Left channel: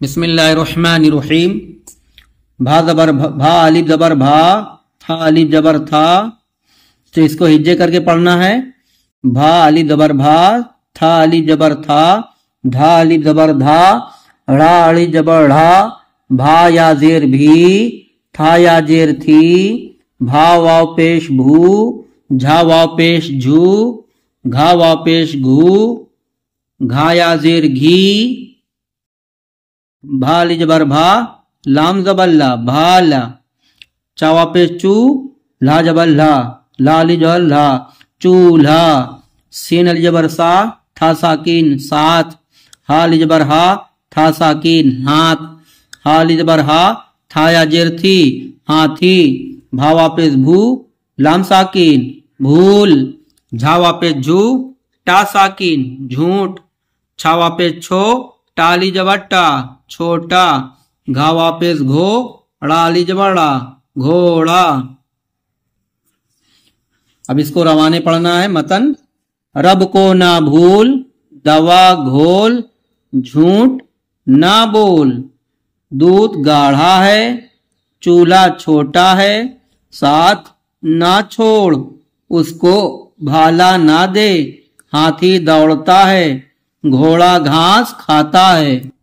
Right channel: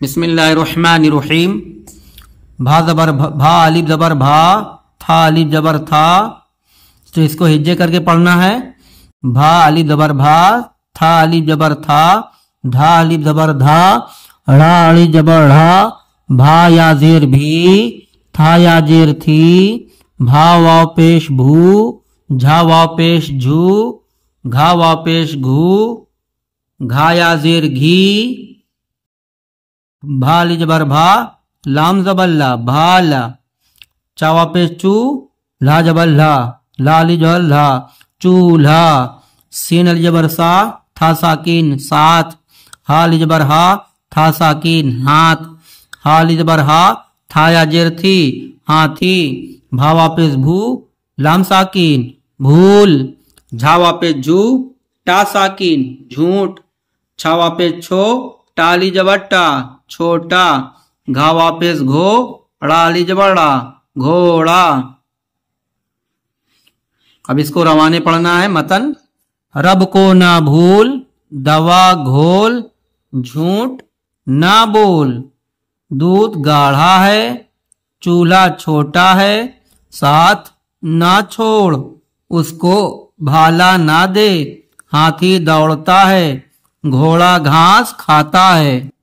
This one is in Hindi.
बिस्मिल्लाहिर्रहमानिर्रहीम। भा जबर भा, अलिफ जबर भा, था अलिफ जबर था। तो इसको हिज्जे करके पढ़ना है। भा अलिफ जबर भा, था अलिफ जबर था, धा अलिफ जबर धा, रा अलिफ जबर ढ़ा, भा या जेर भी, था या जेर थी, भा वाव पेश भू, झा वाव पेश झू, घा वाव पेश घू, घा या जेर घी, भा अलिफ जबर भा, लाम जबर ला, भाला, चा वाव पेश चू, ला जबर ला, ला अलिफ जबर ला, चूल्हा, सीन अलिफ जबर सा, था साकिन साथ, हा अलिफ जबर हा, था साकिन हाथ, हा अलिफ जबर हा, था या जेर थी, हाथी, भा वापिस भू, लाम साकिन भूल, झा वापिस झू, टा साकिन झूठ, छा वापिस छो, टा अलिफ जबर टा छोटा, घा वापिस घो, ड़ा अलिफ जबर ड़ा घोड़ा। अब इसको रवाने पढ़ना है। मतन रब को ना भूल, दवा घोल, झूठ ना बोल, दूध गाढ़ा है, चूल्हा छोटा है, साथ ना छोड़, उसको भाला ना दे, हाथी दौड़ता है, घोड़ा घास खाता है।